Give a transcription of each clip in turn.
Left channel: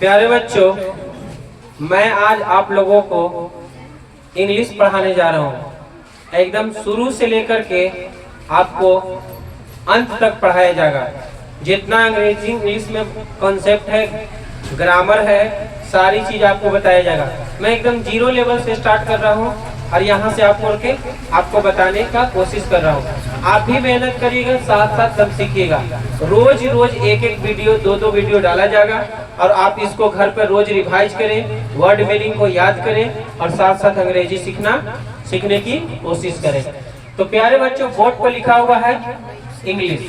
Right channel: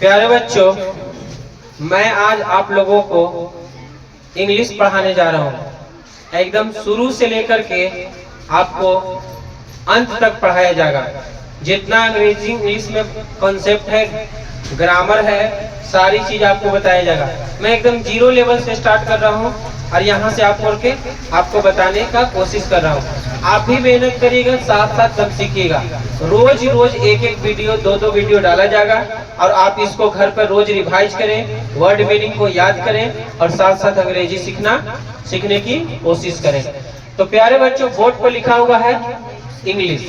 प्यारे बच्चों, मैं आज आप लोगों को इंग्लिश पढ़ाने जा रहा हूँ। एकदम शुरू से लेकर के आपको अंत तक पढ़ाया जाएगा। जितना अंग्रेजी इंग्लिश में कॉन्सेप्ट है, ग्रामर है, सारी चीज आपको बताया जाएगा। मैं एकदम जीरो लेवल से स्टार्ट कर रहा हूँ और यहाँ से आपको बताने का कोशिश कर रहा हूँ। आप भी मेहनत करिएगा, साथ साथ सब सीखिएगा। रोज रोज एक एक वीडियो, दो वीडियो डाला जाएगा और आप इसको घर पर रोज रिवाइज करें, वर्ड मीनिंग को याद करें और साथ साथ अंग्रेजी सीखने की कोशिश करें। तो प्यारे बच्चों, बोर्ड पर लिखा हुआ है इंग्लिश।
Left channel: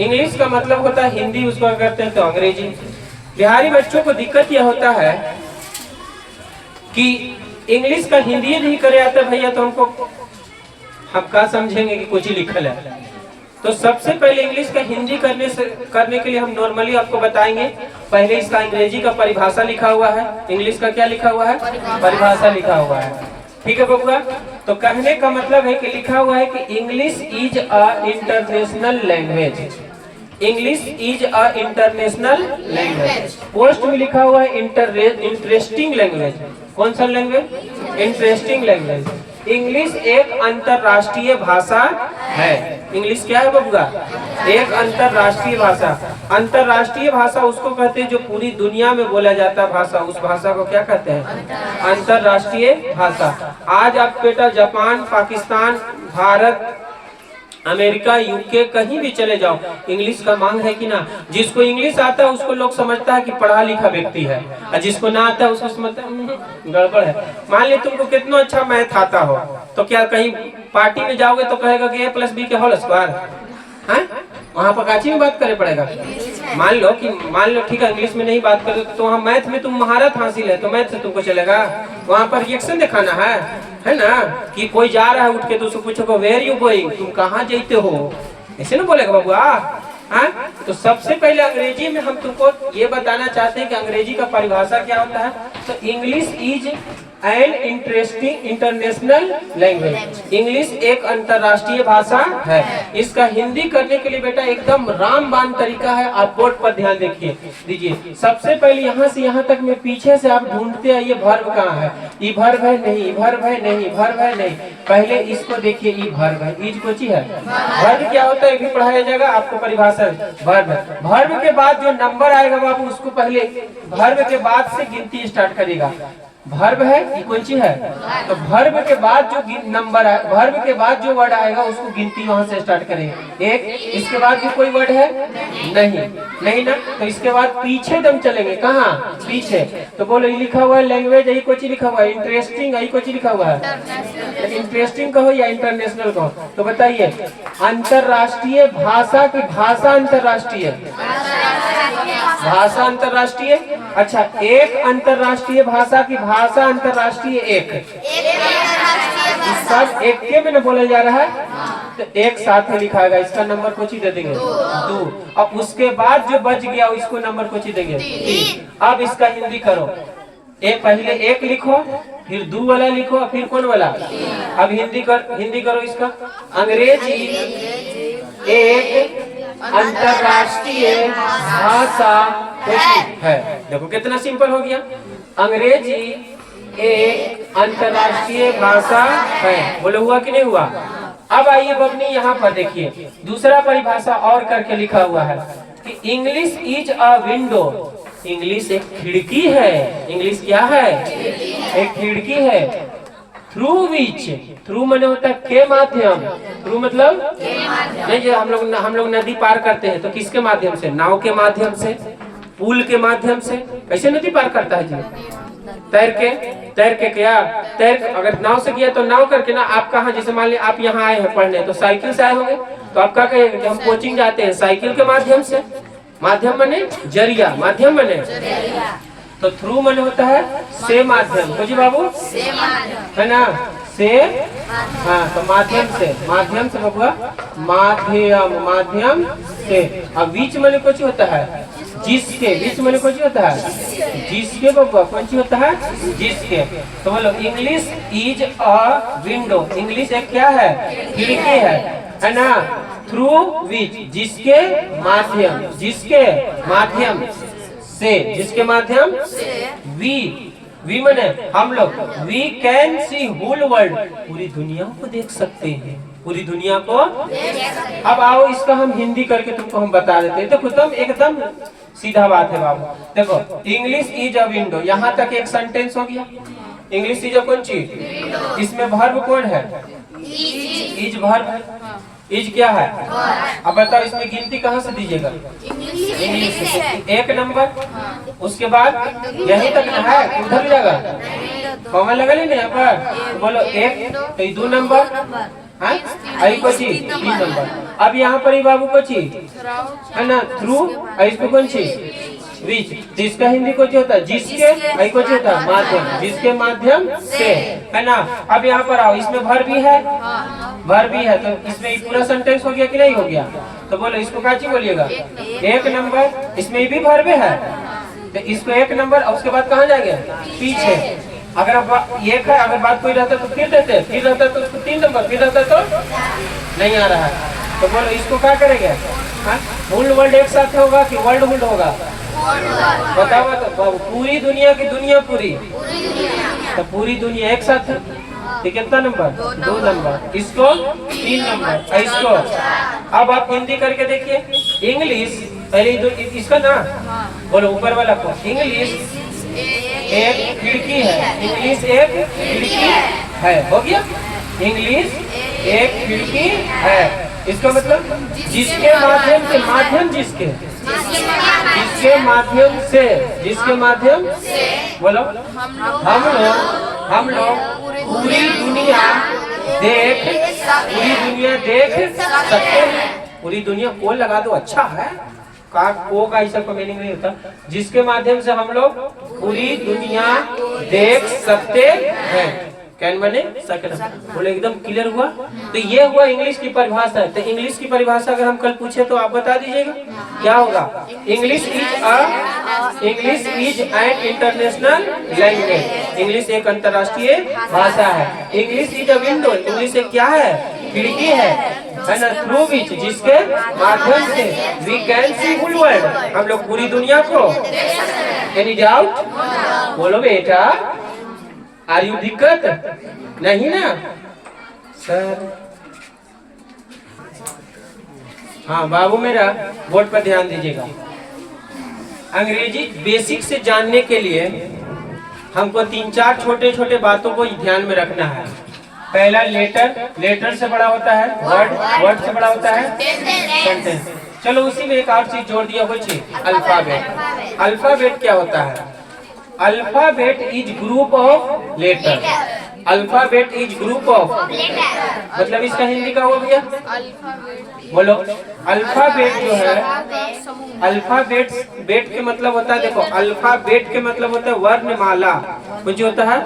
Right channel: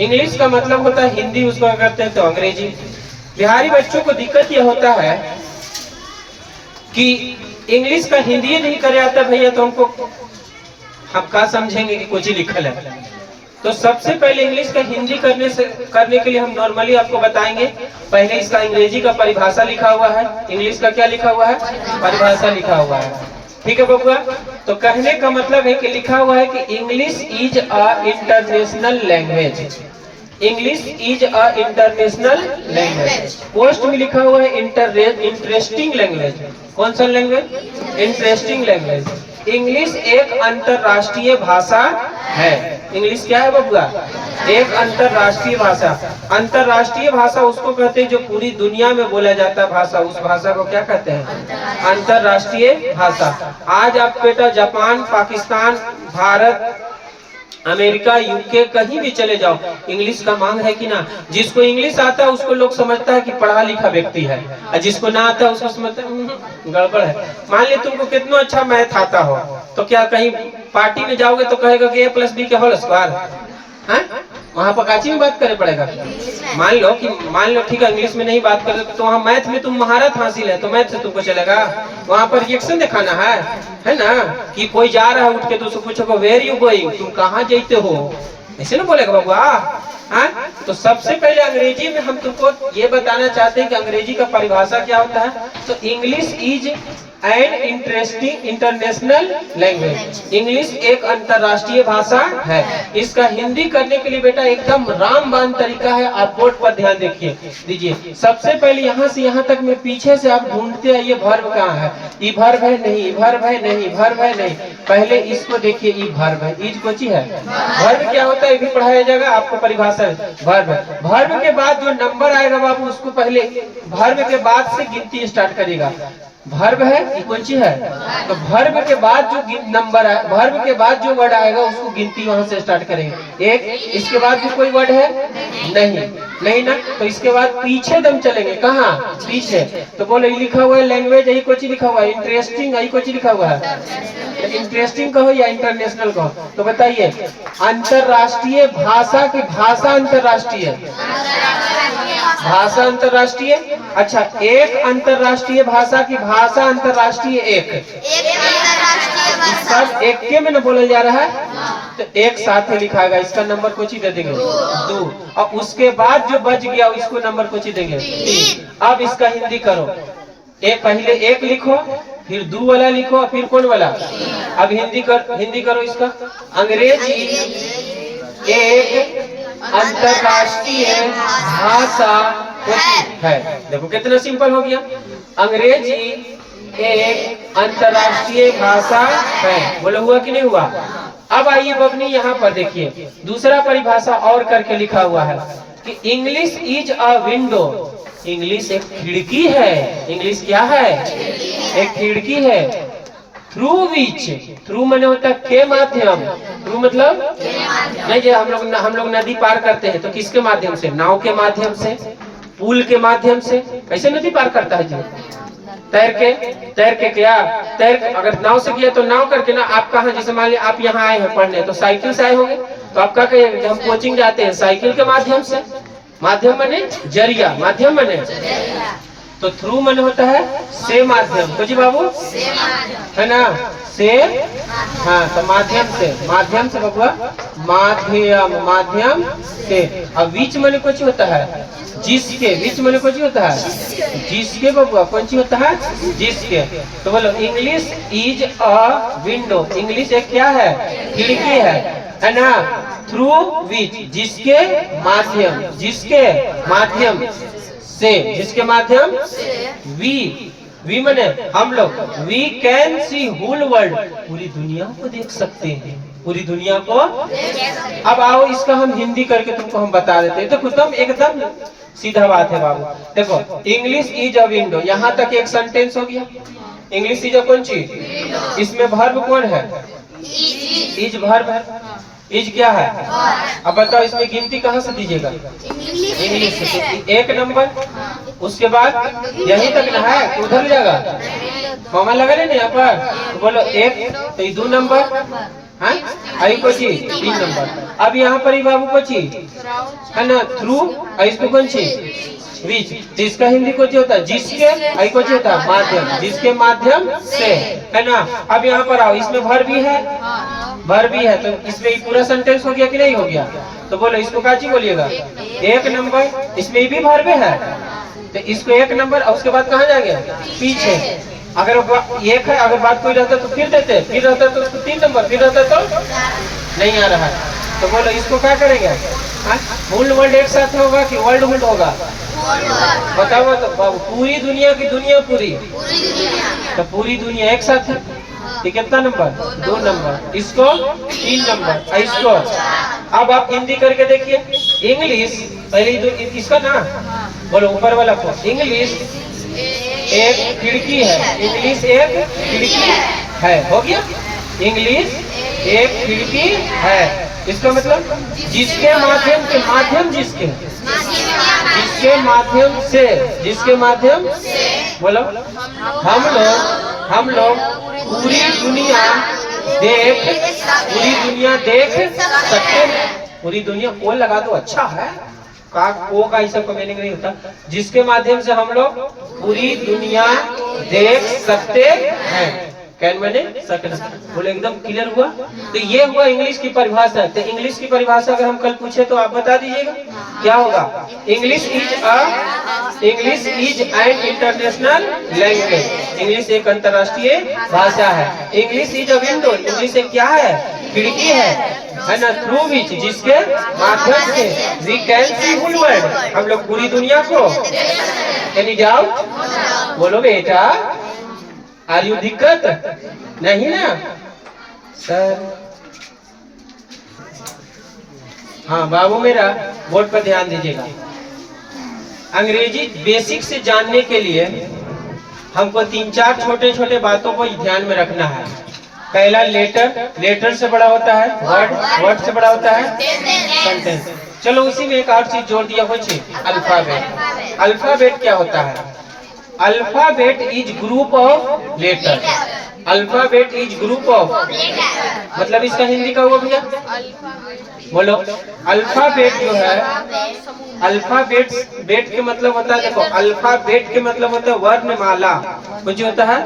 इंग्लिश का मतलब होता है हिंदी, उसको करते हैं तो अंग्रेजी। बिहारी बच्चों को दिक्कत यह होता है कि इंग्लिश का हिंदी नहीं करे आता भैया, तो हम क्या समझेंगे कि कुछ ही लिखल है। तो सबसे पहले इंग्लिश का हिंदी करने के लिए हम नॉर्मली आपको बताएंगे। पहले इसका अंग्रेजी का परिभाषा लिखा हुआ है। इंग्लिश का क्या लिखा हुआ है? परिभाषा लिखा हुआ है। ठीक है बबुआ? तो कहने का मतलब है कि लिखा हुआ है कि English is a international language. English is a international language. Post में लिखा हुआ है इंटरेस्टिंग लैंग्वेज। कौन सा लैंग्वेज? Interesting language. इंग्लिश एक अंतरराष्ट्रीय भाषा है। इंग्लिश क्या है बबुआ? एक अंतरराष्ट्रीय भाषा। अंतरराष्ट्रीय भाषा उसको कहते हैं जो पूरी दुनिया में बोला जाता है भाषा, उस भाषा को क्या कहते हैं? अंतरराष्ट्रीय भाषा। आज आप बेटा Japan, Pakistan, Bharat, America, UK कहीं भी चले जाओ, इंग्लिश का मांग है कि ना। जिसको इंग्लिश आता है उसको लोग समझता है कि पढ़ा लिखा व्यक्ति है, और जिसको ना आता है उसको समझता है गड़बड़ है। मान ली तुमको कितना अच्छा मैथ आता हो, तो क्या कहीं पार्टी में जाओगे तो कहेगा कि a+b के होल स्क्वायर है? वहाँ पर काची में बात करने पड़ेगा। मान लो ठीक है, इंग्लिश में नहीं बात कर तो वहाँ मैथ में तुम महारत हासिल है तो मैथ से तुमको चलेगा। वहाँ पर रिएक्शन दिखाना है ना, कि कोई जा रहा है उठ के तो उसको पूछो वेयर यू गोइंग, तुम कहाँ जाते हो, ऐसे ना बोलेगा बबुआ। हाँ, तो सबसे पहले अंग्रेजी में हम तुमको ये बताना चाहते हैं कि अंग्रेजी का परिभाषा क्या होता है। तो English is an interesting international language. English एक अंतरराष्ट्रीय भाषा है। इसका हिंदी करने के लिए बेटा एकदम रामबाण तरीका है। आप बोर्ड पर ध्यान दीजिए। सबसे पहले यहाँ से यहाँ तक में पीछे से आप ढूंढते आइए वर्ब कहाँ है। ई वर्ब है नहीं, वर्ब है नहीं, वर्ब है नहीं। पहले इसको देखिए, ई वर्ब है, इज कोची है। वर्ब क्या होता है भी पढ़ाया जाएगा आपको परिभाषा। वर्ब, वर्ब के बाद जो नंबर आएगा बाबू उसको पहले वर्ब के बाद से गिनती स्टार्ट करेगा। वर्ब है, ये कौन सी है? तो वर्ब के बाद जो नंबर है, वर्ब के बाद जो वर्ड आएगा उसको गिनती वहां से स्टार्ट करेंगे। एक, इसके बाद भी कोई वर्ड है? नहीं ना। तो इसके बाद पीछे दम चलेंगे। कहाँ? पीछे। तो बोलो ये लिखा हुआ है लैंग्वेज, यही कुछ लिखा हुआ है। इंटरेस्टिंग, यही कुछ लिखा हुआ है। इंटरेस्टिंग कहो या इंटरनेशनल कहो, तो बताइए। अंतरराष्ट्रीय भाषा की भाषा अंतरराष्ट्रीय, भाषा अंतरराष्ट्रीय। अच्छा, एक अंतरराष्ट्रीय भाषा की भाषा अंतरराष्ट्रीय। एक सब एक के में न बोला जा रहा है, तो एक साथ में लिखा गया। इसका नंबर कुछ ही दे देंगे 2। अब उसके बाद जो बच गया इसको नंबर कुछ ही देंगे 3। अब इसका हिंदी करो। पहले एक लिखो, फिर 2 वाला लिखो, फिर कौन वाला? अब हिंदी करो इसका। अंग्रेजी एक अंतरराष्ट्रीय भाषा है। देखो कितना सिंपल हो गया। अंग्रेजी एक अंतरराष्ट्रीय भाषा है। बोलो हुआ कि नहीं हुआ? अब आइए बबनी यहाँ पर देखिए, दूसरा परिभाषा और करके लिखा हुआ है कि English is a window. English एक खिड़की है। इंग्लिश क्या है? एक खिड़की है। थ्रू विच, थ्रू मैंने होता है के माध्यम। थ्रू मतलब नहीं, जो हम लोग नदी पार करते हैं तो किसके माध्यम से? नाव के माध्यम से, पुल के माध्यम से। कैसे नदी पार करता है जी? तैर के क्या? अगर नाव से किया तो नाव करके ना। आप कहाँ, जैसे मान लिया आप यहाँ आए हैं पढ़ने, तो साइकिल से आए होंगे, तो आप क्या कहेंगे कि हम कोचिंग जाते हैं साइकिल के माध्यम से। माध्यम बने जरिया, माध्यम बने। तो थ्रू मैंने होता है से माध्यम। तो जी बाबू है ना, से। हाँ, तो माध्यम से बबुआ, माध्यम से। अब बीच मैंने कुछ होता है जिसके, बीच मैंने कुछ होता है जिसके बबुआ, कौन सी होता है? जिसके। तो बोलो English is a window. English एक क्या है? खिड़की है ना। थ्रू विच, जिसके माध्यम से, जिसके माध्यम वी, वी मने हम लोग, we can see whole world, पूरी दुनिया को देख सकते हैं, पूरी दुनिया को। अब आओ इसका हम हिंदी करके तुमको हम बता देते हैं। देखो तुम एकदम सीधा बात है बाबू। देखो इंग्लिश इज अ विंडो, यहाँ तक एक सेंटेंस हो गया। इंग्लिश इज अ कौन चीज, इसमें वर्ब कौन है, इज वर्ब। इज क्या है, अब बताओ इसमें गिनती कहाँ से दीजिएगा, इंग्लिश से। एक नंबर, उसके बाद यहीं तक ना है, उधर जाएगा कॉमा लगा लेना यहाँ पर, तो बोलो एक, तो ये 2 नंबर आई को चीज 3 नंबर। अब यहाँ पर ही बाबू को चीज है ना, थ्रू, इसको कौन चीज विच, जिसका हिंदी को होता है जिसके, आई को होता है माध्यम, जिसके माध्यम से, है ना। अब यहाँ पर आओ, इसमें भर भी है, भर भी है, तो इसमें पूरा सेंटेंस हो गया कि नहीं हो गया, तो बोलो इसको काची बोलिएगा, एक नंबर। इसमें भी भर भी है, तो इसको एक नंबर, और उसके बाद कहाँ जाएंगे, पीछे। अगर एक है, अगर बात कोई रहता तो फिर देते, फिर रहता तो उसको 3 नंबर, फिर रहता तो नहीं आ रहा है, तो बोलो इसको क्या करेंगे, होल वर्ल्ड एक साथ होगा कि वर्ल्ड वर्ल्ड होगा, बताओ बताओ। पूरी दुनिया की दुनिया, पूरी तो पूरी दुनिया एक साथ है, ये कितना नंबर, 2 नंबर। इसको 3 नंबर, इसको। अब आप हिंदी करके देखिए, इंग्लिश पहले जो इसका ना बोलो, ऊपर वाला को, इंग्लिश एक खिड़की है, इंग्लिश एक खिड़की है, हो गया। इंग्लिश एक खिड़की है, इसका मतलब जिसके माध्यम से, माध्यम जिसके, जिसके माध्यम से, जिसके माध्यम बोलो, हम लोग पूरी दुनिया देख, पूरी दुनिया देख सकते हैं। पूरी दुनिया को लगा दो, अच्छा है, को का ऐसा कोई मीनिंग नहीं होता। जिसके माध्यम से हम लोग पूरी दुनिया देख सकते हैं, कैन बने सकना, बोले एकदम क्लियर हुआ। तो ये हुआ इंग्लिश की परिभाषा। तो इंग्लिश की परिभाषा अगर हम कल पूछे तो आप बता दीजिएगा क्या होगा। English is an international language, English एक अंतर्राष्ट्रीय भाषा है। English is a window, English एक क्या है, खिड़की है ना, थ्रू विच, जिसके माध्यम से we can see whole world, हम लोग पूरी दुनिया को। एनी डाउट, बोलो बेटा, आर यू दिक्कत नहीं ना सर। हाँ बाबू मेरा, बोर्ड पर ध्यान दीजिएगा। अंग्रेजी बेसिक से जानने के लिए हमको 3-4 छोटे छोटे बातों को ध्यान में रखना है। पहला लेटर, लेटर से बड़ा होता है वर्ड, वर्ड से बड़ा होता है सेंटेंस। चलो उसी में एक और चीज जोड़ दिया बच्चे, अल्फाबेट। अल्फाबेट क्या होता है, alphabet is group of letter, alphabet is group of, मतलब इसका हिंदी का हुआ भैया, बोलो। अल्फाबेट जो है, अल्फाबेट बेट के मतलब होता है, देखो अल्फाबेट के मतलब होता है वर्णमाला, कुछ होता है।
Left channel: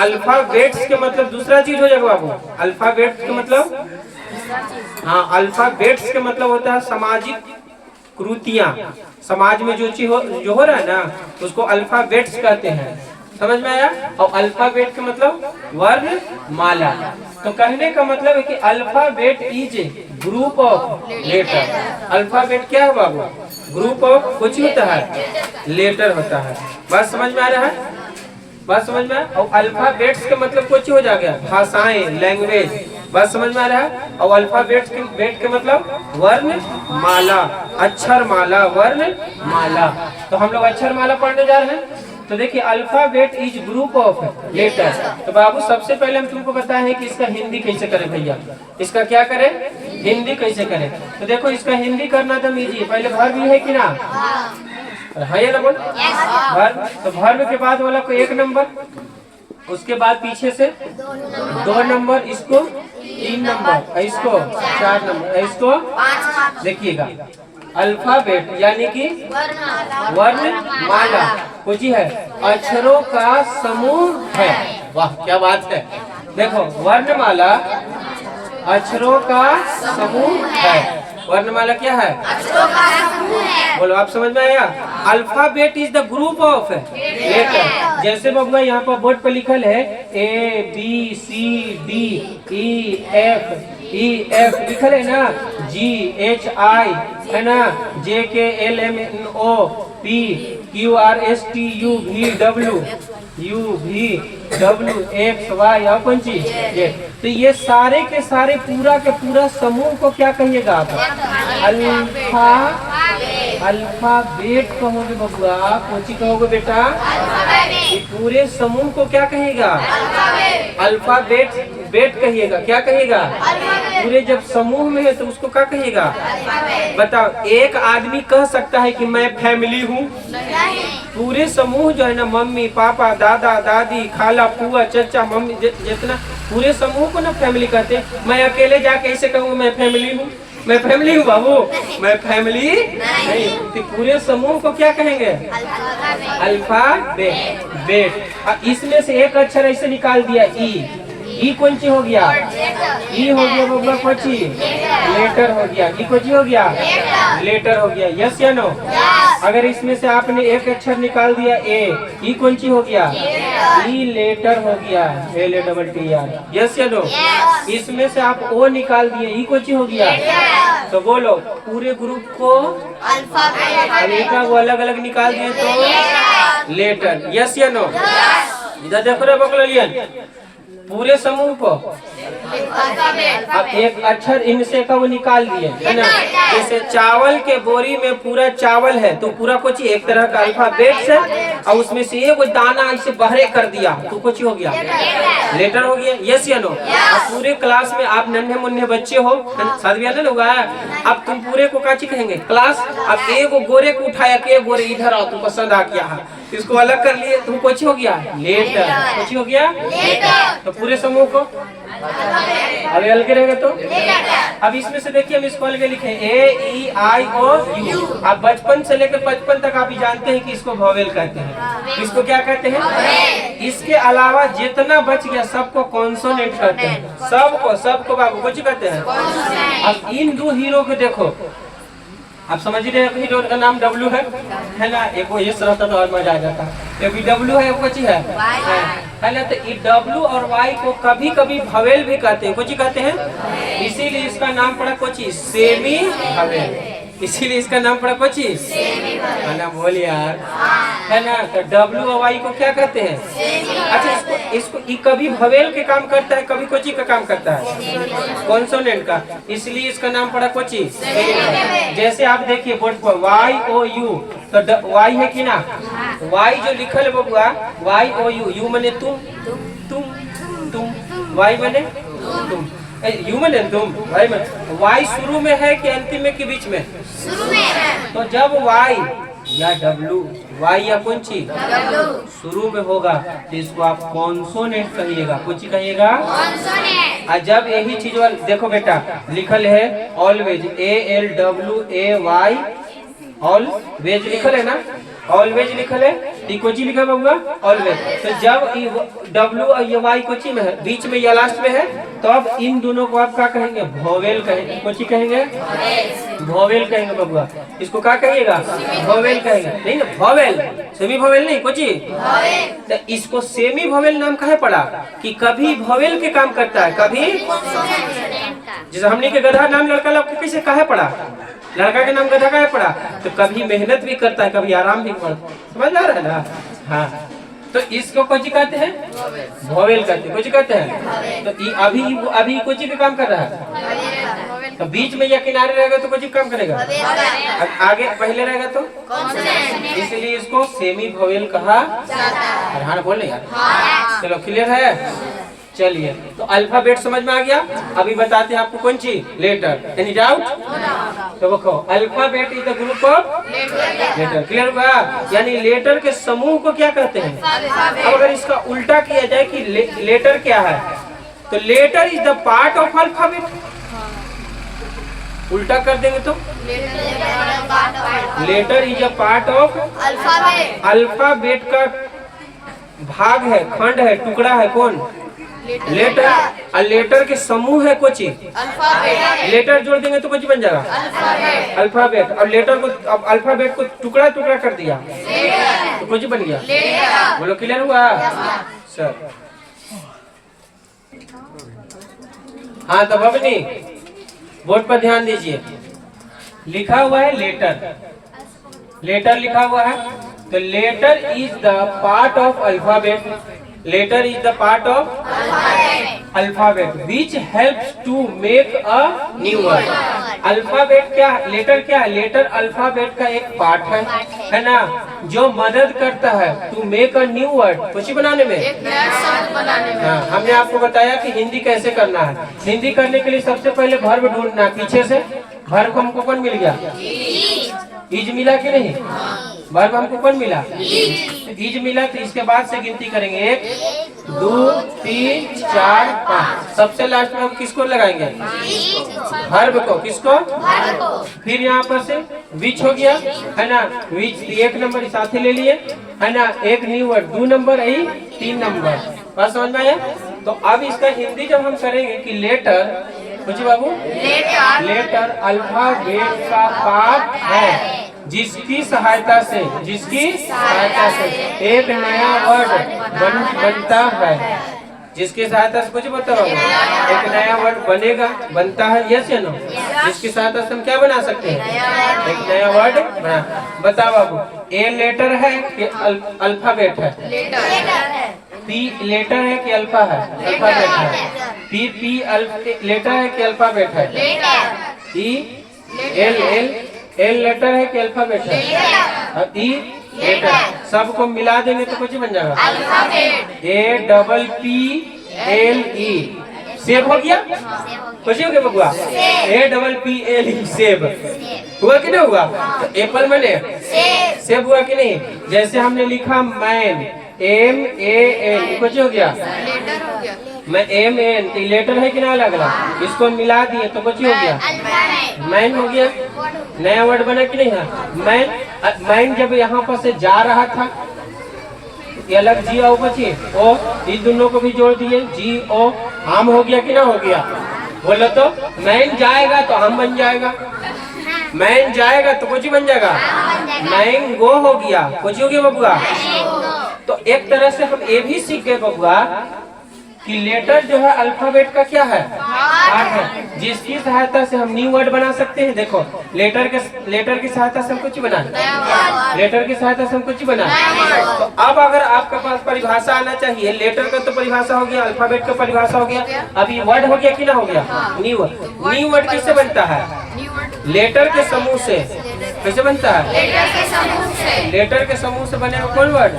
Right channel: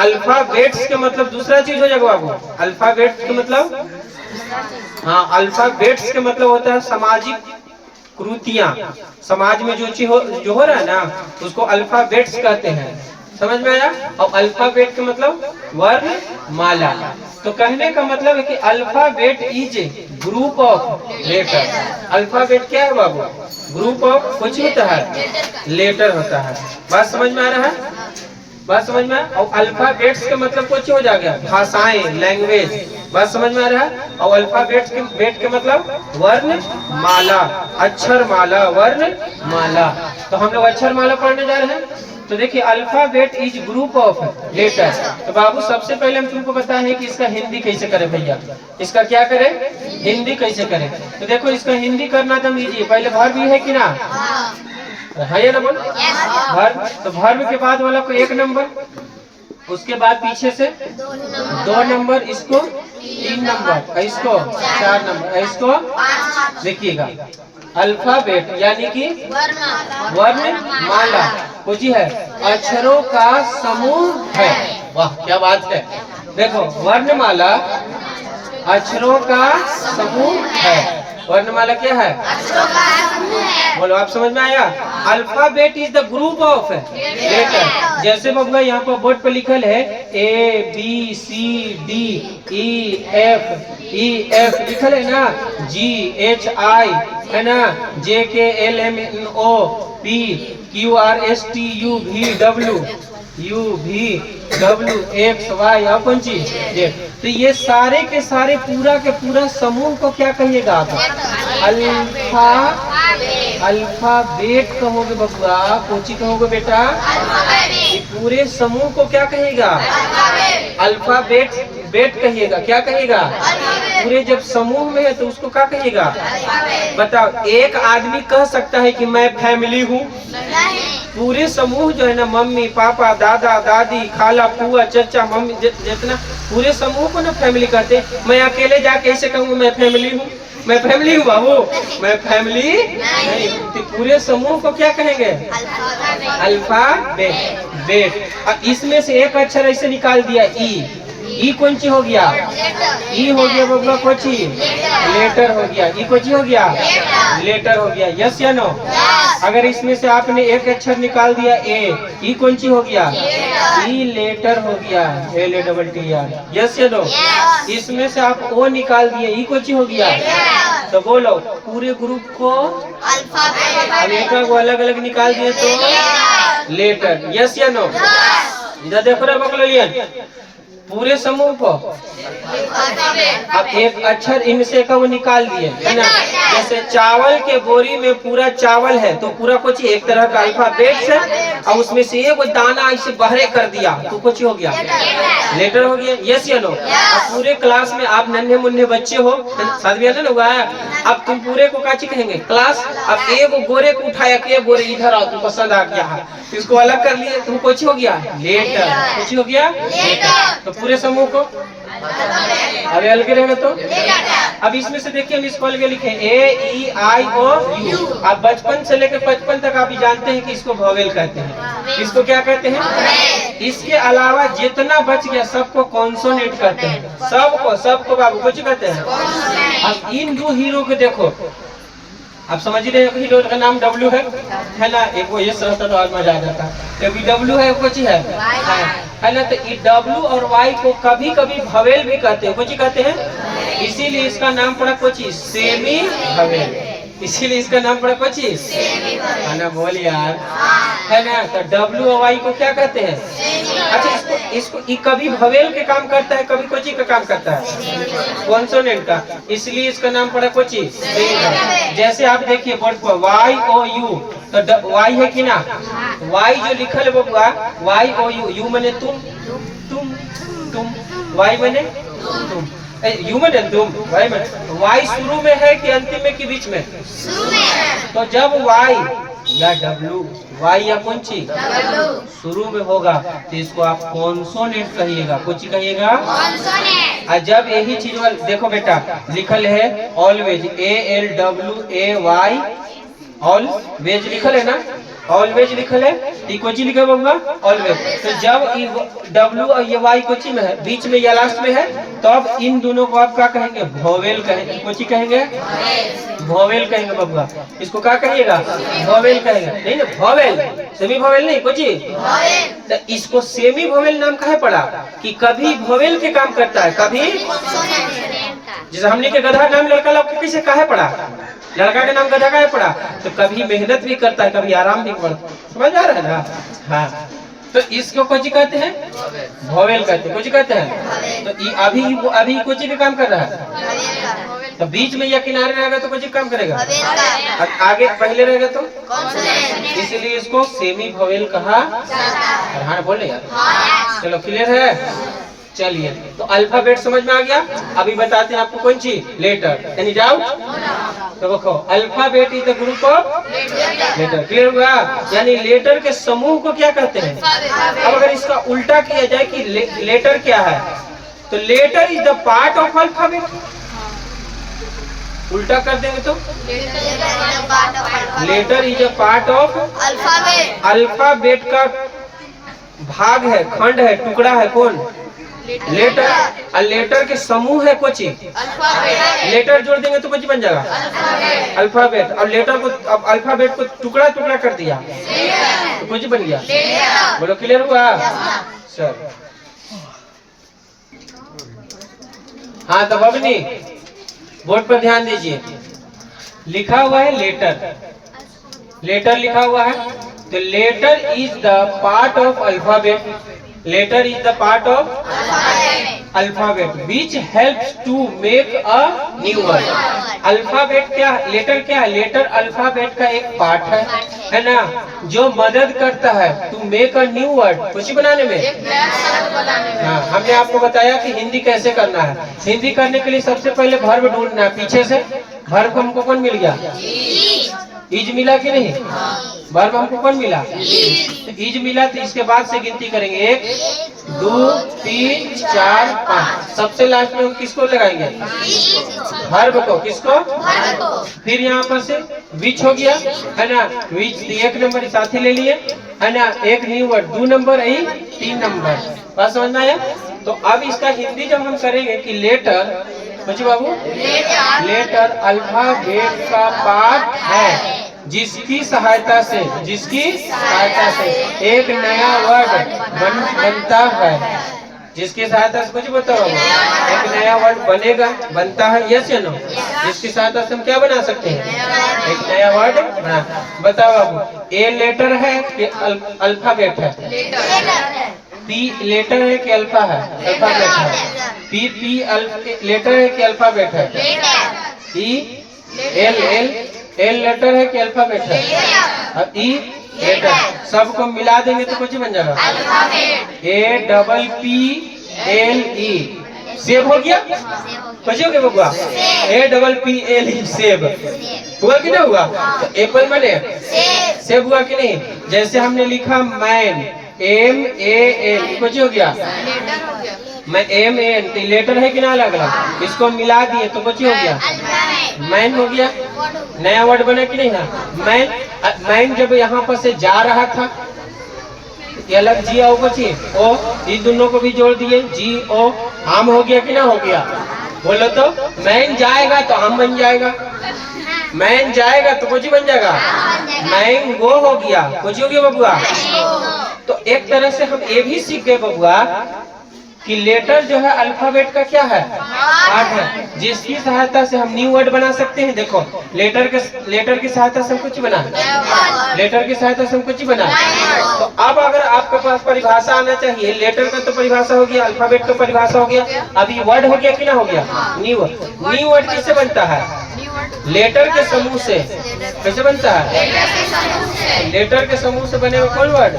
अल्फाबेट्स के मतलब दूसरा चीज हो जाएगा बाबू। अल्फाबेट के मतलब, हाँ अल्फाबेट्स के मतलब होता है सामाजिक कृतियां, समाज में जो चीज जो हो रहा है ना, उसको अल्फाबेट्स कहते हैं, समझ में आया। और अल्फाबेट का मतलब वर्णमाला। तो कहने का मतलब है कि alphabet is group of letter. Alphabet क्या है बाबू, ग्रुप ऑफ कुछ होता है, लेटर होता है। बात समझ में आ रहा है, बात समझ में। और अल्फाबेट्स का मतलब कुछ हो जाएगा, भाषाएं, लैंग्वेज, बात समझ में आ रहा है। और अल्फाबेट के बेट के मतलब वर्णमाला, अक्षर माला, वर्णमाला। तो हम लोग अक्षर माला पढ़ने जा रहे हैं। तो देखिए alphabet is group of letter. तो बाबू सबसे पहले हम तुमको बताए कि इसका हिंदी कैसे करें भैया, इसका क्या करें, हिंदी कैसे करें। तो देखो इसका हिंदी करना तो इजी, पहले वर्ब भी है कि ना, है ना बोल, वर्ब। तो वर्ब के बाद वाला को 1 नंबर, उसके बाद पीछे से 2 नंबर, इसको 3 नंबर, इसको 4 नंबर, इसको देखिएगा। अल्फाबेट यानी कि वर्णमाला कुछ है, अक्षरों का समूह है। वाह क्या बात है। देखो वर्णमाला अक्षरों का समूह है। वर्णमाला क्या है, बोलो आप समझ में आया। Alphabet is the group of letter. जैसे बाबा यहाँ पर बोर्ड पे लिखल है ABCDEF लिखल है ना, GHI है ना, JKLMNO P Q R S T U V W X Y और कौन चीज Z। तो ये सारे के सारे पूरा के पूरा समूह को क्या कहिएगा आप? अल्फाबेट कहोगे बबुआ। कोची कहोगे बेटा? ये पूरे समूह को क्या कहिएगा? अल्फाबेट कहिएगा। क्या कहिएगा? पूरे जब समूह में है तो उसको क्या कहिएगा? बताओ, एक आदमी कह सकता है कि मैं फैमिली हूँ? पूरे समूह जो है ना, मम्मी पापा दादा दादी खाला फुआ चचा मम्मी जितना पूरे समूह को ना फैमिली कहते हैं। मैं अकेले जाके ऐसे कहूँगा मैं फैमिली हूँ, मैं फैमिली हूँ बाबू, मैं फैमिली नहीं। तो पूरे समूह को क्या कहेंगे? अल्फाबेट। इसमें से एक अक्षर ऐसे निकाल दिया ई कौन सी हो गया? ई हो गया बबुआ कोची? लेटर हो गया। ई कोची हो गया? लेटर हो गया। यस या नो? अगर इसमें से आपने एक अक्षर निकाल दिया ई कौन सी हो गया? ई लेटर हो गया। LATTER। यस या नो? इसमें से आप ओ निकाल दिए, ई कौन सी हो गया? तो बोलो पूरे ग्रुप को अल्फाबेट को अलग अलग निकाल दिए तो लेटर। यस या नो? इधर देखो रे बकलियन, पूरे समूह को अब एक अक्षर इनसे का वो निकाल दिए है ना। जैसे चावल के बोरी में पूरा चावल है तो पूरा कुछ एक तरह का अल्फाबेट से, और उसमें से एक दाना ऐसे बहरे कर दिया तो कुछ हो गया? लेटर हो गया। यस या नो? अब पूरे क्लास में आप नन्हे मुन्ने बच्चे हो, शादी ब्याह नहीं हुआ है, अब तुम पूरे को काची कहेंगे? क्लास। अब एक गोरे को उठाया कि गोरे इधर आओ, तुम पसंद आ गया, इसको अलग कर लिए, तुम कुछ हो गया? लेटर। कुछ हो गया? तो पूरे समूह को अरे अलग रहेगा तो। अब इसमें से देखिए हम इसको अलग लिखे AEIOU। आप बचपन से लेकर 55 तक आप जानते हैं कि इसको वोवेल कहते हैं। इसको क्या कहते हैं? इसके अलावा जितना बच गया सबको कॉन्सोनेंट कहते हैं। सबको बाबू कुछ कहते हैं। अब इन दो हीरो को देखो, आप समझ रहे हैं, हीरो का नाम W है ना। एक वो ये रहता तो और मजा आ जाता। क्योंकि W है कुछ है ना। तो W और Y को कभी कभी भवेल भी कहते हैं। कुछ कहते हैं, इसीलिए इसका नाम पड़ा कोची सेमी भवेल। इसीलिए इसका नाम पड़ा कोची है ना। बोल यार है ना। तो W और Y को क्या कहते हैं? अच्छा, इसको कभी भवेल के काम करता है, कभी कोची का काम करता है, कॉन्सोनेंट का। इसलिए इसका नाम पड़ा कोची। जैसे आप देखिए बोर्ड पर YOU, तो Y है कि ना? Y जो लिखल है बबुआ YOU, यू मने तुम, Y मने तुम, यू मने तुम, Y मने। Y शुरू में है कि अंतिम में कि बीच में? शुरू में। तो जब Y या W, Y या कौन चीज शुरू में होगा तो इसको आप कॉन्सोनेंट कहिएगा। कुछ कहिएगा कॉन्सोनेंट। और जब यही चीज देखो बेटा लिखल है ऑलवेज ALWAY, ऑलवेज लिखल है ना, ऑलवेज लिखल है, कोची लिखा बाबूआ ऑलवेज। तो जब W और ये Y कोची में है, बीच में या लास्ट में है, तो अब इन दोनों को आप क्या कहेंगे? वोवेल कहेंगे। कोची कहेंगे? वोवेल कहेंगे बाबूआ। इसको क्या कहिएगा? वोवेल कहेंगे। नहीं ना, वोवेल, सेमी वोवेल नहीं, कोची। तो इसको सेमी वोवेल नाम काहे पड़ा? कि कभी वोवेल के काम करता है, कभी जैसे हमने के गधा नाम लड़का लोग कैसे काहे पड़ा? लड़का के नाम गधा काहे पड़ा? तो कभी मेहनत भी करता है, कभी आराम भी करता है। समझ आ रहा है ना? हाँ। तो इसको कोची कहते हैं? वोवेल कहते हैं। कोची कहते हैं? तो अभी कोची का काम कर रहा है। तो बीच में या किनारे रहेगा तो कोची काम करेगा, आगे पहले रहेगा तो, इसलिए इसको सेमी वोवेल कहा। हाँ बोले यार। चलो क्लियर है। चलिए, तो अल्फाबेट समझ में आ गया। अभी बताते हैं आपको कौन सी लेटर। Any doubt? तो देखो alphabet is the group of letter. Clear हुआ? यानी लेटर के समूह को क्या कहते हैं? अब अगर इसका उल्टा किया जाए कि लेटर क्या है, तो letter is the part of alphabet. उल्टा कर देंगे तो letter is a part of alphabet. Alphabet का भाग है, खंड है, टुकड़ा है कौन? लेटर। और लेटर के समूह है कोची। लेटर जोड़ देंगे तो कोची बन जाएगा अल्फाबेट। और लेटर को, अब अल्फाबेट को टुकड़ा टुकड़ा कर दिया तो कोची बन गया। बोलो क्लियर हुआ सर? हाँ तब अब नहीं, बोर्ड पर ध्यान दीजिए। लिखा हुआ है लेटर। लेटर लिखा हुआ है, तो letter is the part of alphabet, letter is the part of alphabet which helps to make a new word. Alphabet क्या, लेटर क्या है, लेटर अल्फाबेट का एक पार्ट है ना, जो मदद करता है to make a new word, कुछ बनाने में। हाँ, हमने आपको बताया कि हिंदी कैसे करना है। हिंदी करने के लिए सबसे पहले वर्ब ढूंढना है, पीछे से वर्ब हमको कौन मिल गया, इज मिला कि नहीं, वर्ब हमको कौन मिला, इज मिला। तो इसके बाद से गिनती करेंगे, 1 2 3 4 5, सबसे लास्ट में किसको लगाएंगे, वर्ब को, किसको, फिर यहाँ पर से विच हो गया है ना, विच 1 नंबर साथ ले लिए है ना, एक न्यू वर्ड 2 नंबर, आई 3 नंबर, बात समझ में आया। तो अब इसका हिंदी जब हम करेंगे कि लेटर, पूछिए बाबू, लेटर अल्फाबेट का पार्ट है जिसकी सहायता से एक नया वर्ड बनता है, जिसकी सहायता से, कुछ बताओ, एक नया वर्ड बनेगा, बनता है, यस या नो, जिसकी सहायता से हम क्या बना सकते हैं, एक नया वर्ड बना। बताओ बाबू, ए लेटर है कि अल्फाबेट है, पी लेटर है कि अल्फा है, अल्फाबेट है, पी लेटर है कि अल्फाबेट है, ई एल लेटर है कि अल्फाबेट है, और ई लेटर, सबको मिला देंगे तो कुछ बन जाएगा, APPLE, सेब हो गया, कुछ हो गया बबुआ, APPLE सेब हुआ कि नहीं हुआ, तो एप्पल बने, सेब हुआ कि नहीं। जैसे हमने लिखा मैन, MAN, कुछ हो गया, मैं MAN, लेटर है कि ना अलग अलग, इसको मिला दिए तो कुछ हो गया, मैन हो गया, नया वर्ड बना कि नहीं है। मैन जब यहाँ पर से जा रहा था, ये अलग जी ओ बची ओ, इन दोनों को भी जोड़ दिए, जी ओ, आम हो गया कि ना हो गया, बोलो तो, मैन जाएगा तो आम बन जाएगा, मैन जाएगा तो कुछ बन जाएगा, मैंगो हो गया, कुछ हो गया बबुआ। तो एक तरह से हम ये भी सीख गए बबुआ कि लेटर जो है अल्फाबेट का क्या है, पार्ट है, जिसकी सहायता से हम न्यू वर्ड बना सकते हैं। देखो लेटर की सहायता से हम कुछ बना, लेटर की सहायता से हम कुछ बना। तो अब अगर आपके पास परिभाषा आना चाहिए, लेटर का तो परिभाषा हो गया, अल्फाबेट का परिभाषा हो गया, अभी वर्ड हो गया कि ना हो गया, न्यू वर्ड। न्यू वर्ड किससे बनता है, लेटर के समूह से। कैसे बनता है, लेटर के समूह से बनेगा कौन वर्ड,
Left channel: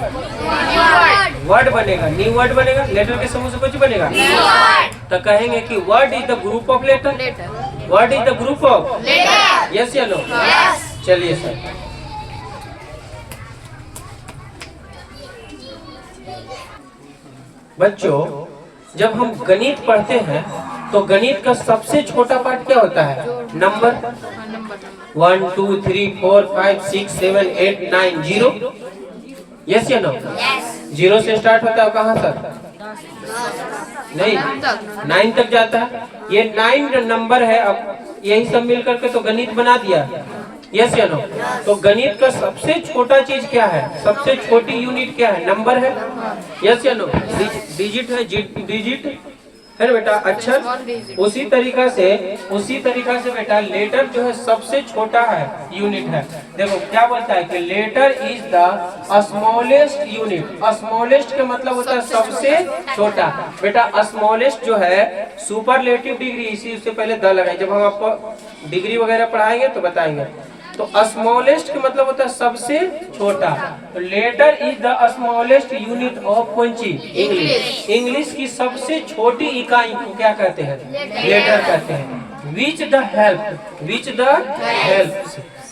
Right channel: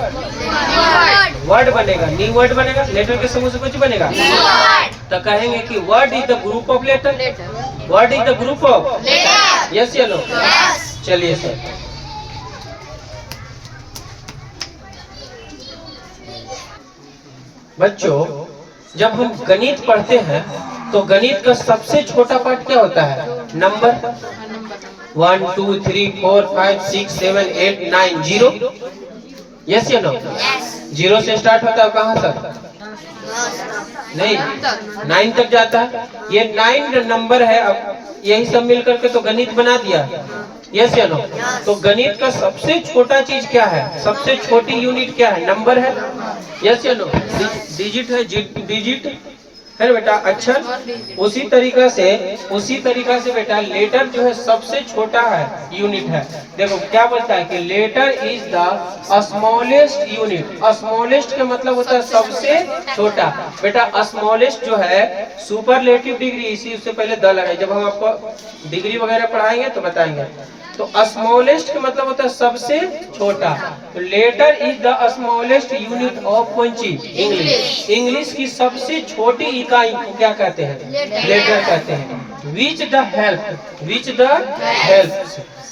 वर्ड बनेगा, न्यू वर्ड बनेगा, लेटर के समूह से कुछ बनेगा। तो कहेंगे कि word is the group of letter, word is the group of, yes या नो। चलिए सर, बच्चों जब हम गणित पढ़ते हैं तो गणित का सबसे छोटा पार्ट क्या होता है, नंबर, 1 2 3 4 5 6 7 8 9 0, यस या नो। जीरो से स्टार्ट होता है, कहाँ तक, नहीं 9 तक जाता है, ये 9 नंबर है। अब यही सब मिल करके तो गणित बना दिया, यस या नो। तो गणित का सबसे छोटा चीज क्या है, सबसे छोटी यूनिट क्या है, नंबर है, यस या नो, डिजिट है, डिजिट है ना बेटा, अक्षर। उसी तरीका से बेटा लेटर जो है सबसे छोटा है, यूनिट है। देखो क्या बोलता है कि letter is the smallest unit. Smallest का मतलब होता है सबसे छोटा। बेटा स्मॉलेस्ट जो है सुपरलेटिव डिग्री, इसी उससे पहले द लगाए, जब हम आपको डिग्री वगैरह पढ़ाएंगे तो बताएंगे। तो स्मॉलेस्ट का मतलब होता है सबसे छोटा। Letter is the smallest unit of कौन चीज, इंग्लिश। इंग्लिश की सबसे छोटी इकाई को क्या कहते हैं, लेटर कहते हैं। विच द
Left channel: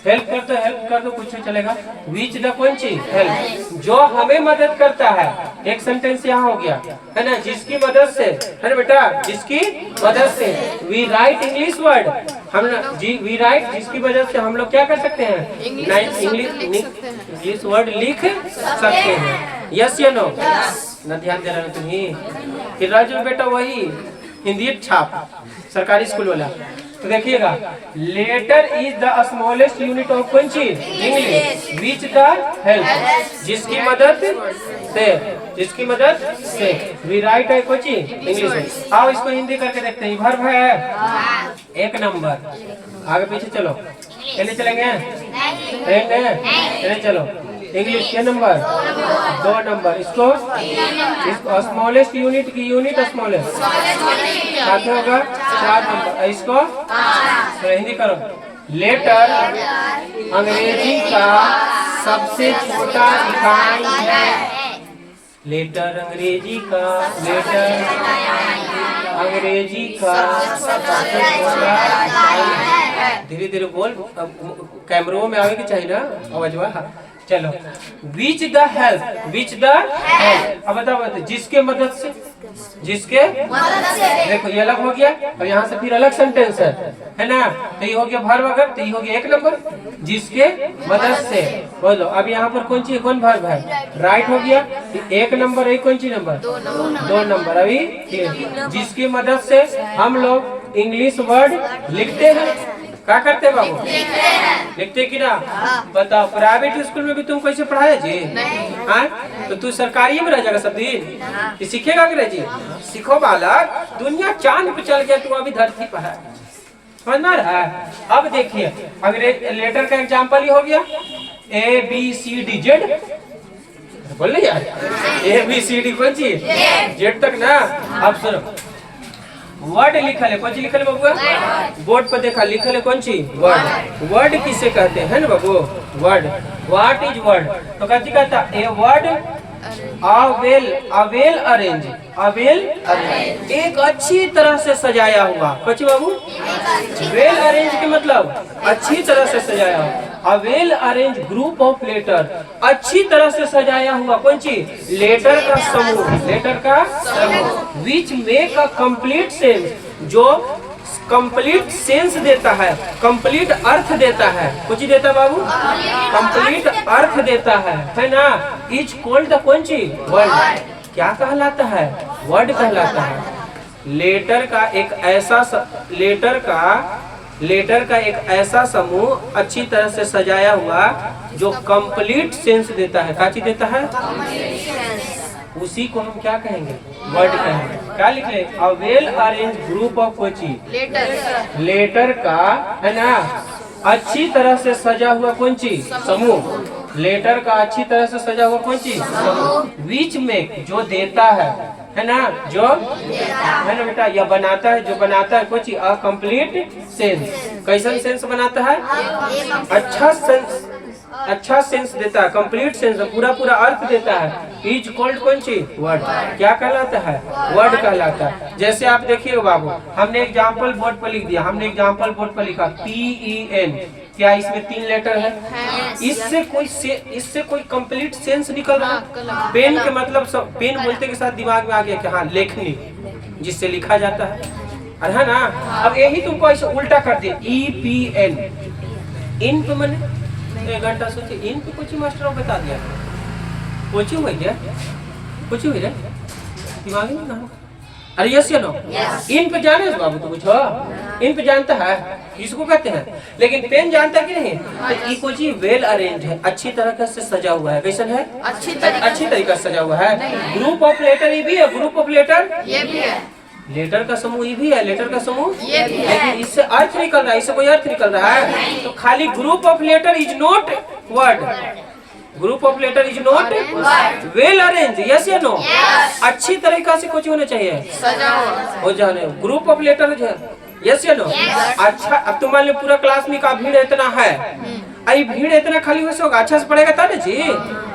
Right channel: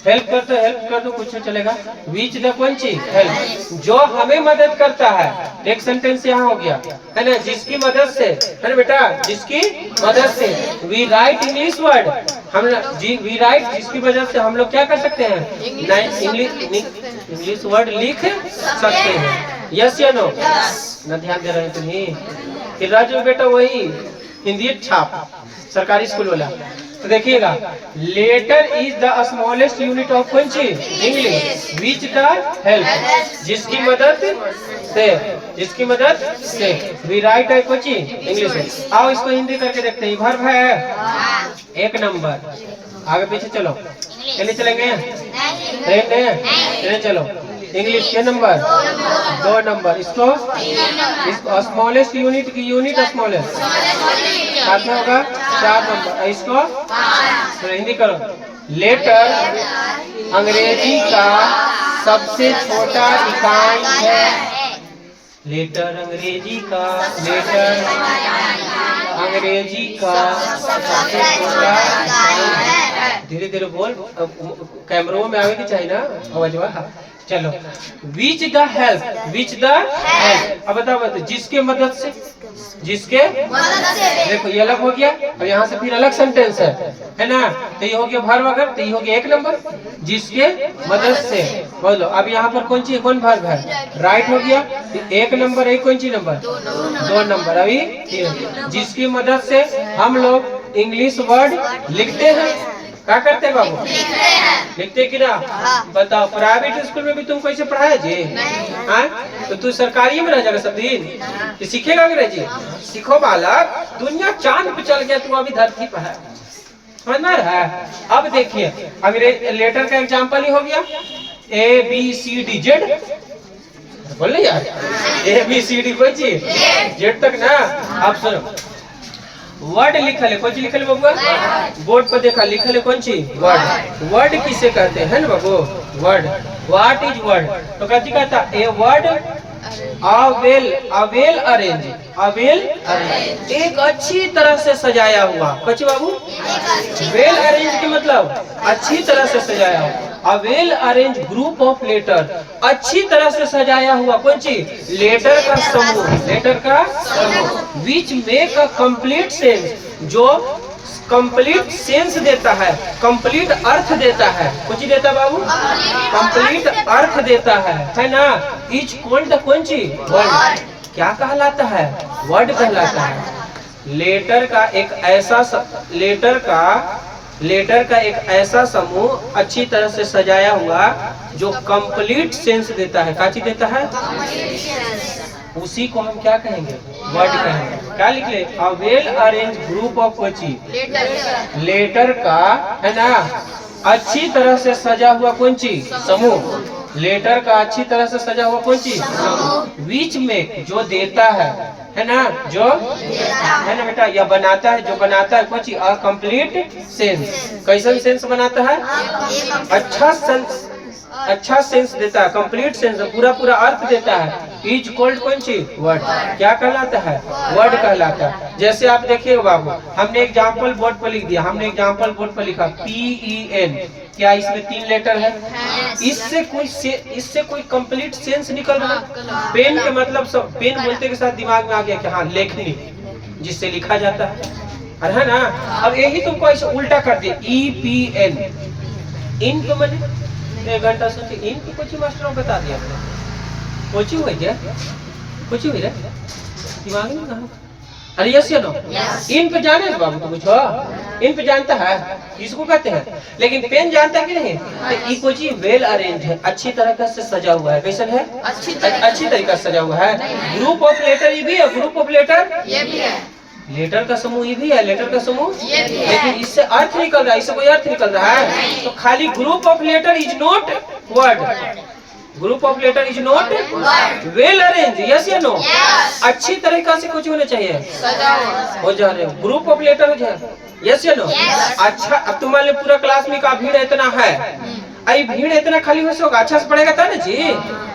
हेल्प करते, हेल्प कर दो कुछ चलेगा। विच द कौन चीज, हेल्प, जो हमें मदद करता है। एक सेंटेंस यहाँ हो गया है ना, जिसकी मदद से, है ना बेटा, जिसकी मदद से वी राइट इंग्लिश वर्ड, हम वी राइट, जिसकी वजह से हम लोग क्या कर सकते हैं, इंग्लिश वर्ड लिख सकते हैं, यस या नो। न ध्यान दे रहे तुम्हें कि राज में बेटा वही हिंदी छाप सरकारी स्कूल वाला। तो देखिएगा, letter is the smallest unit of कौन चीज, इंग्लिश। विच द हेल्प, जिसकी मदद से वी राइट है कोई चीज इंग्लिश। आओ इसको हिंदी करके देखते हैं। वर्ब है एक नंबर, आगे पीछे चलो, चलिए चलेंगे। सेम है? चलो इंग्लिश के नंबर 2 नंबर। इसको स्मॉलेस्ट यूनिट की यूनिट स्मॉलेस्ट साथ में होगा 4 नंबर। इसको तो हिंदी करो। लेटर अंग्रेजी का सबसे छोटा इकाई है। लेटर अंग्रेजी का सबसे छोटा इकाई है। धीरे धीरे बोल, कैमरों में आगे की चाहिए ना आवाज। चलो विच द हेल्प, अब बताओ जिसके मदद से, देखो ये अलग हो गया। और यहाँ से फिर अलग सेंटेंस है ना। तो ये हो गया वर्ब, अगर तो ये हो गया 1 नंबर जिसके मदद से। बोलो अब यहाँ पर कौन सी कौन वर्ब है? राइट हो गया 1 नंबर। है कौन सी नंबर? 2 नंबर। अभी जिसकी मदद से हम लोग इंग्लिश वर्ड लिखते हैं। क्या करते बाबू? लिखते कि ना? बताओ प्राइवेट स्कूल में भी तुम कैसे पढ़ाया जी? हाँ तो तू सरकारी में रह जाएगा सब दिन? तो सीखेगा अंग्रेजी? सीखो बालक, दुनिया चांद पे चल गया, तू अभी धरती पर है। समझ में रहा है? अब देखिए अभी लेटर का एग्जाम्पल ही हो गया ABCD बोल यार ABCD कौन सी जेड तक ना। अब सुनो वर्ड लिखल है, कौन सी लिखल है बाबू? बोर्ड पर देखा लिखल है कौन सी? वर्ड। वर्ड किसे कहते हैं ना बाबू? वर्ड। What is word? तो कौन सी कहता? ए वर्ड अवेल अरेंज, एक अच्छी तरह से सजाया हुआ। कौन बाबू? वेल अरेंज के मतलब अच्छी तरह से सजाया हुआ। A well arrange group of letter, अच्छी तरह से सजाया हुआ कौन सी? लेटर का समूह। Which make a complete sense, जो कंप्लीट सेंस देता है, कंप्लीट अर्थ देता है। कुछ देता बाबू? कंप्लीट अर्थ देता है ना। इच कॉल्ड कौन सी? वर्ड। क्या कहलाता है? वर्ड कहलाता है। लेटर का एक ऐसा समूह अच्छी तरह से सजाया हुआ जो कंप्लीट सेंस देता है। क्या चीज देता है? उसी को हम क्या कहेंगे? वर्ड कहेंगे। क्या लिख ले? A well arrange group of कोची, लेटर का है ना अच्छी तरह से सजा हुआ कौन चीज? समूह। लेटर का अच्छी तरह से सजा हुआ कौन चीज? समूह। बीच में जो देता है ना, जो है ना बेटा, या बनाता है, जो बनाता है कुछ अ कंप्लीट सेंस। कैसन सेंस बनाता है? अच्छा सेंस देता है, कंप्लीट सेंस, पूरा अर्थ देता है। इज कॉल्ड कौन सी? वर्ड। क्या कहलाता है? वर्ड कहलाता है। जैसे आप देखिए बाबू, हमने एग्जाम्पल बोर्ड पर लिख दिया, हमने एग्जाम्पल बोर्ड पर लिखा PEN। क्या इसमें 3 लेटर है? इससे कोई कंप्लीट सेंस निकल रहा है? पेन के मतलब सब, पेन बोलते के साथ दिमाग में आ गया कि हाँ लेखनी, जिससे लिखा जाता है, अरे है ना। अब यही तुमको ऐसे उल्टा कर दिया EPN। इन पे मैंने 1 घंटा से इन पे कुछ मास्टर बता दिया। कोचिंग हुई क्या? कोचिंग हुई रे दिमाग में कहाँ? अरे यस या नो? इन पे जाने बाबू तो कुछ हो? इन पे जानता है इसको कहते हैं, लेकिन पेन जानता है कि नहीं? तो ये कोई वेल अरेंज है, अच्छी तरह से सजा हुआ है। कैसा है? अच्छी तरीके से सजा हुआ है। ग्रुप ऑफ लेटर ये भी है, ग्रुप ऑफ लेटर ये भी है, लेटर का समूह ये भी है, लेटर का समूह ये भी है। लेकिन इससे अर्थ निकल रहा है, इससे कोई अर्थ निकल रहा है? तो खाली group of letter is not word. Group of letter is not well arrange. Yes या नो? अच्छी तरीका से कुछ होना चाहिए, हो जाने। ग्रुप ऑफ लेटर जो है, यस या नो? अच्छा अब तुम मान लो पूरा क्लास में का भीड़ इतना है, अभी भीड़ इतना खाली हो होगा, अच्छा से पड़ेगा तब जी,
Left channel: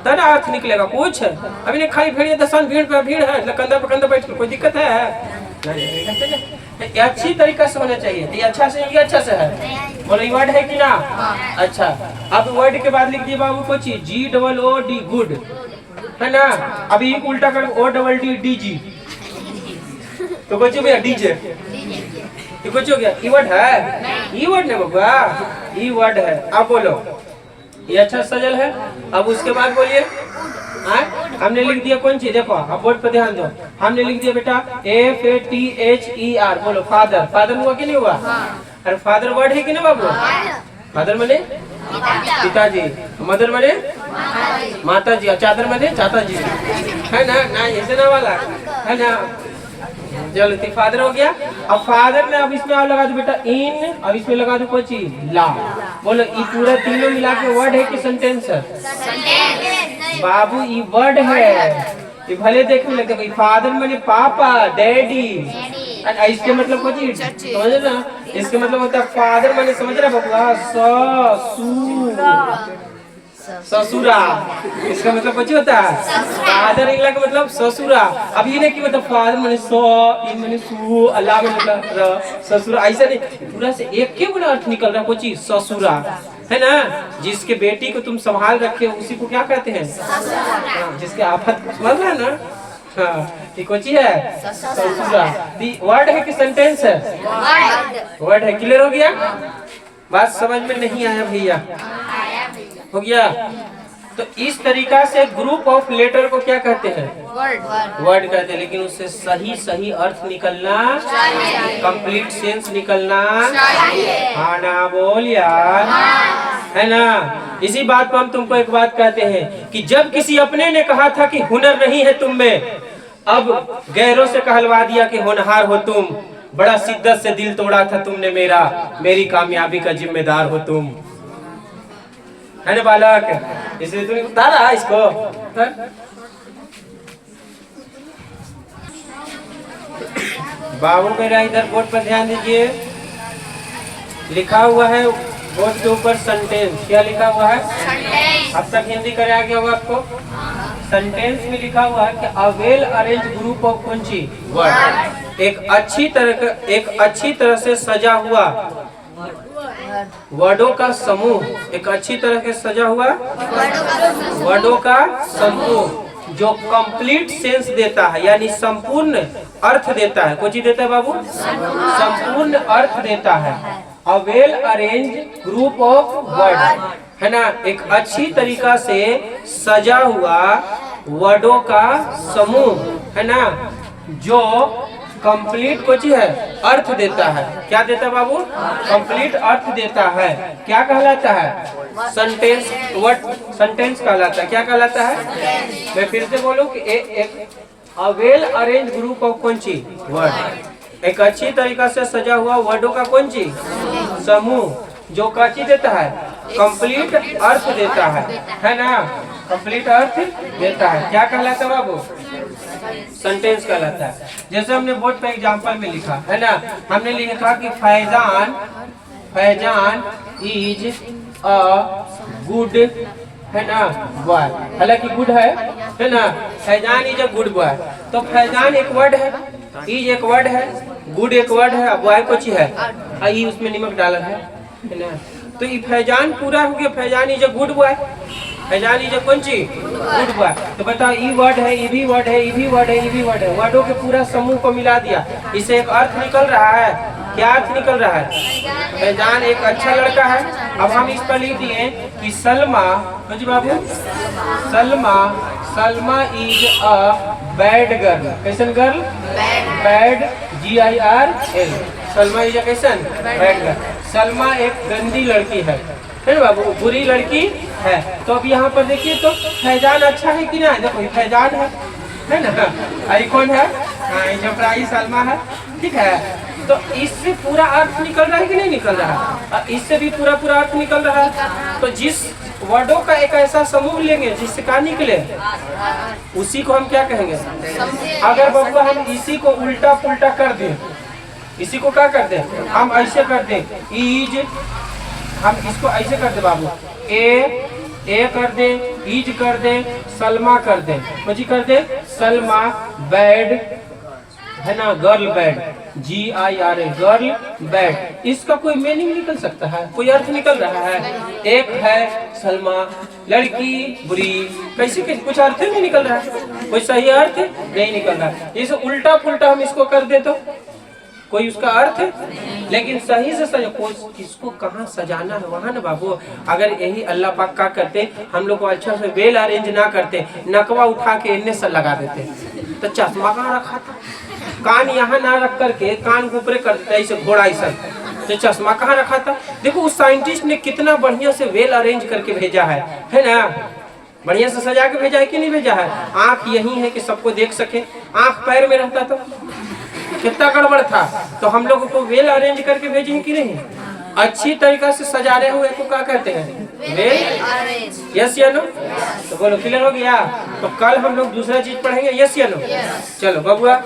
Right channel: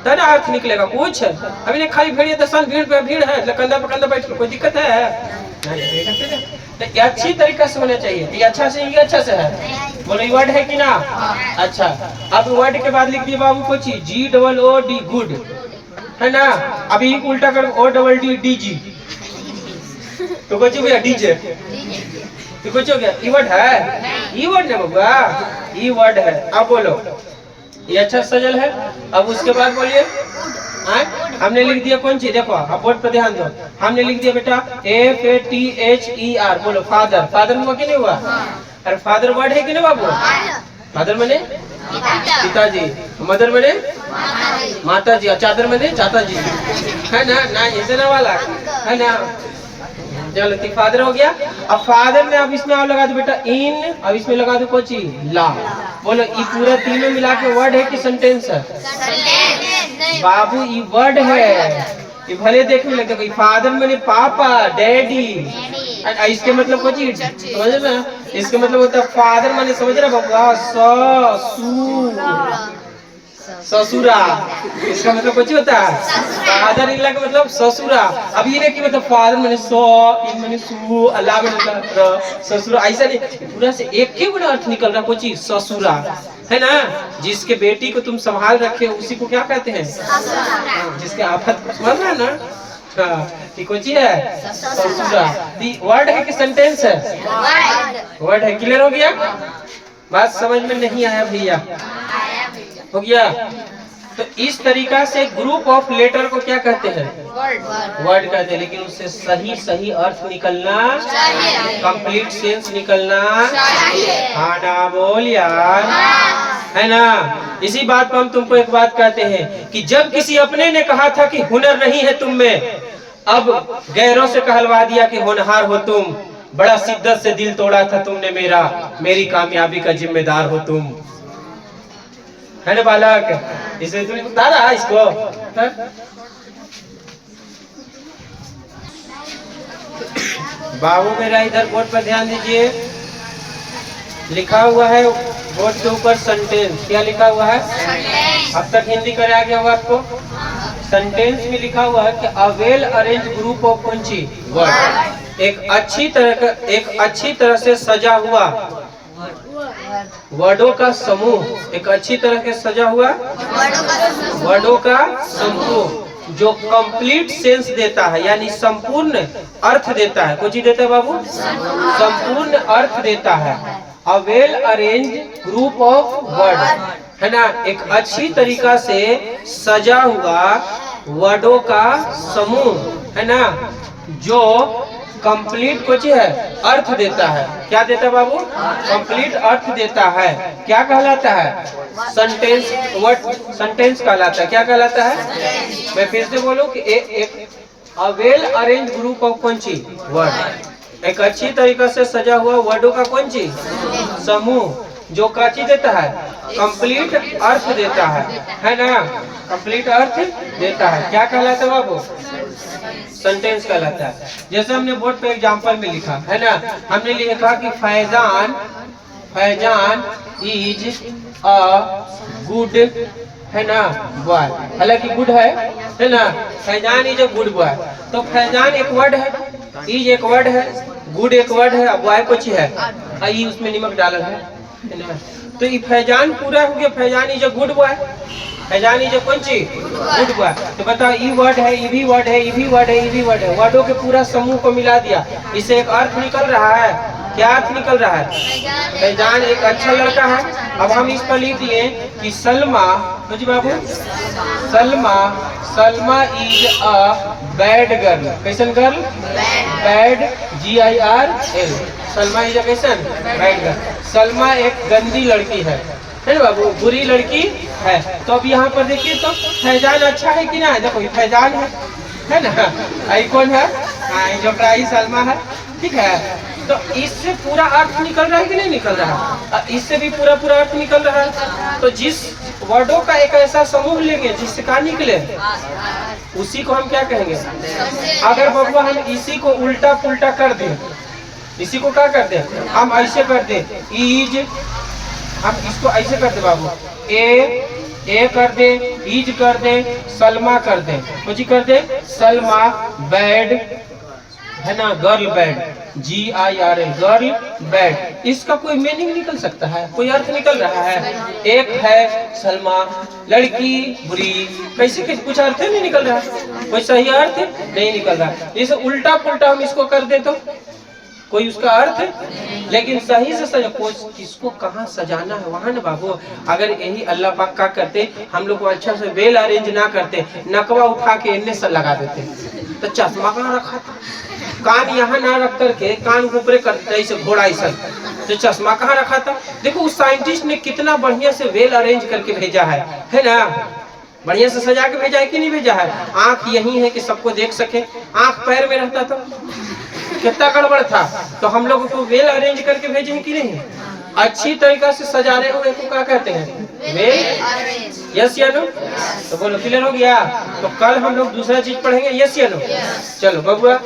तब ना अर्थ निकलेगा कुछ। अभी नहीं खाली भीड़ है, तो भीड़ पे भीड़ है, कंधा पे कंधा बैठ कोई दिक्कत है? तो अच्छी तरीका से होना चाहिए। ये अच्छा से, ये अच्छा से है। बोलो ये वर्ड है कि ना? अच्छा अब वर्ड के बाद लिख दिए बाबू कुछ GOOD गुड, है ना। अभी उल्टा कर ODD तो कुछ भैया डीजे, ये कुछ हो गया। ई वर्ड है? ई वर्ड नहीं बाबा, ई वर्ड है। अब बोलो ये अच्छा सजल है। अब उसके बाद बोलिए हमने लिख दिया कौन सी? देखो अब बोर्ड पर ध्यान दो, हमने लिख दिया बेटा FATHER। बोलो फादर। फादर हुआ कि नहीं हुआ? अरे फादर वर्ड है कि ना बाबू? फादर मने पिताजी, मदर मने माता जी, चादर मने चाचा जी, है ना। ना इतना वाला है ना। चलो तो फादर हो गया। अब फादर में अब इसमें आप लगा दो बेटा इन, अब इसमें लगा दो कौन सी? ला। बोलो ये पूरा तीनों मिला के वर्ड है कि सेंटेंस है? बाबू ये वर्ड है। ये भले देखने लगे भाई फादर माने पापा, डैडी। इसके मतलब कुछ समझ ना, इसके मतलब होता है फादर माने समझ रहे बाबा ससुरा। इसका मतलब कुछ होता है फादर इंग्लिश का मतलब ससुरा। अब ये नहीं कि मतलब फादर माने माने सु, अल्लाह मतलब ससुरा, ऐसा नहीं। पूरा से एक के बड़ा अर्थ निकल रहा कुछ ससुरा है ना। जिसके बेटी को तुम संभाल रखे हो उसी को क्या कहते हैं? जिसके आफत समझ रहा है ना। कुछ है ससुरा। वर्ड है कि सेंटेंस है? वर्ड है। क्लियर हो गया? बात समझ में नहीं आया भैया? हो गया। तो इस तरीका से ग्रुप ऑफ लेटर को क्या कहते हैं? वर्ड कहते हैं। लेकिन उससे सही सही अर्थ निकलना चाहिए, कंप्लीट सेंस निकलना चाहिए। हाँ ना बोल यार, है ना। इसी बात पर हम तुमको एक बात कहते हैं कि जब किसी अपने ने कहा था कि हुनर नहीं है तुम में, अब गैरों से कहलवा दिया कि होनहार हो तुम। बड़ा शिद्दत से दिल तोड़ा था तुमने मेरा, मेरी कामयाबी का जिम्मेदार हो तुम, है ना बालक। इसलिए तुमने उतारा इसको। बाबू मेरा इधर बोर्ड पर ध्यान दीजिए। लिखा हुआ है बोर्ड के ऊपर सेंटेंस। क्या लिखा हुआ है? अब तक हिंदी कराया गया हुआ आपको। सेंटेंस में लिखा हुआ है कि a well arrange group of कुंची वर्ड, एक अच्छी तरह से सजा हुआ वर्डों का समूह। एक अच्छी तरह से सजा हुआ वर्डों का समूह जो कंप्लीट सेंस देता है, यानी संपूर्ण अर्थ देता है। कुछ ही देता है बाबू? संपूर्ण अर्थ देता है। अ well arrange group of word, है ना। एक अच्छी तरीका से सजा हुआ वर्डों का समूह, है ना, जो कंप्लीट कुछ है अर्थ देता है। क्या देता है बाबू? कंप्लीट अर्थ देता है। क्या कहलाता है? सेंटेंस। वर्ड सेंटेंस कहलाता है। क्या कहलाता है? मैं फिर से बोलूं कि एक अ वेल अरेंज ग्रुप ऑफ कौन सी वर्ड, एक अच्छी तरीका से सजा हुआ वर्डों का कौन सी समूह, जो क्या चीज देता है? कंप्लीट अर्थ देता है ना। कंप्लीट अर्थ देता है। क्या कहलाता है बाबू? सेंटेंस कहलाता है। जैसे हमने बोर्ड पे एग्जांपल में लिखा है ना, हमने लिखा कि फैजान इज अ गुड, है ना, बॉय। हालांकि गुड है ना। Faizan is a good boy. तो फैजान एक वर्ड है, इज एक वर्ड है, गुड एक वर्ड है, बॉय कुछ है, आई उसमें नमक डाला है ना। तो ये फैजान पूरा हो गया। Faizan is a good boy. Faizan is कौन सी? Good boy. तो बताओ ई वर्ड है, ई भी वर्ड है, ई भी वर्ड है, ई भी वर्ड है। वर्डों के पूरा समूह को मिला दिया, इससे एक अर्थ निकल रहा है। क्या अर्थ निकल रहा है? फैजान एक अच्छा लड़का है। अब हम इस पर लिख दिए कि सलमा, जी बाबू, Salma is a bad girl. कैसन girl? Bad, GIRL। Salma is a कैसन? Bad girl. सलमा एक गंदी लड़की है ना बाबू, बुरी लड़की है। तो अब यहाँ पर देखिए तो फैजान अच्छा है कि ना? देखो ये फैजान है ना, आई कौन है? जो प्राई सलमा है, ठीक है। तो इससे पूरा अर्थ निकल रहा है कि नहीं निकल रहा है? इससे भी पूरा अर्थ निकल रहा है। तो जिस वर्डों का एक ऐसा समूह लेंगे जिससे क्या निकले, उसी को हम क्या कहेंगे? अगर बाबू हम इसी को उल्टा पुल्टा कर दें, इसी को क्या कर दें? हम ऐसे कर दें, इज, हम इसको ऐसे कर दे बाबू, ए कर दे, इज कर दे, सलमा कर दे, कुछ कर दे, सलमा बैड, है ना, girl bad, GIRL, girl bad. इसका कोई मीनिंग निकल सकता है? कोई अर्थ निकल रहा है? एक है सलमा लड़की बुरी, कैसे कुछ अर्थ नहीं निकल रहा है, कोई सही अर्थ नहीं निकल रहा है। इसे उल्टा पुल्टा हम इसको कर दे तो कोई उसका अर्थ है। लेकिन सही से सजा, किसको कहाँ सजाना है वहाँ ना बाबू। अगर यही अल्लाह पाक का करते, हम लोग को अच्छा से वेल अरेंज ना करते, नकवा उठा के इन्हें से लगा देते, तो चश्मा कहाँ रखा था? कान यहाँ ना रख करके कान ऊपरे करते ऐसे घोड़ा ऐसा, तो चश्मा कहाँ रखा था? देखो उस साइंटिस्ट ने कितना बढ़िया से वेल अरेंज करके भेजा है ना, बढ़िया से सजा के भेजा है कि नहीं भेजा है? आँख यही है कि सबको देख सके, आँख पैर में रहता तो कितना गड़बड़ था। तो हम लोगों को वेल अरेंज करके भेजे हैं कि नहीं? अच्छी तरीका से सजाने हुए को क्या कहते हैं? वेल। यस या नो? तो बोलो क्लियर हो गया? तो कल हम लोग दूसरा चीज पढ़ेंगे। यस या नो? चलो बबुआ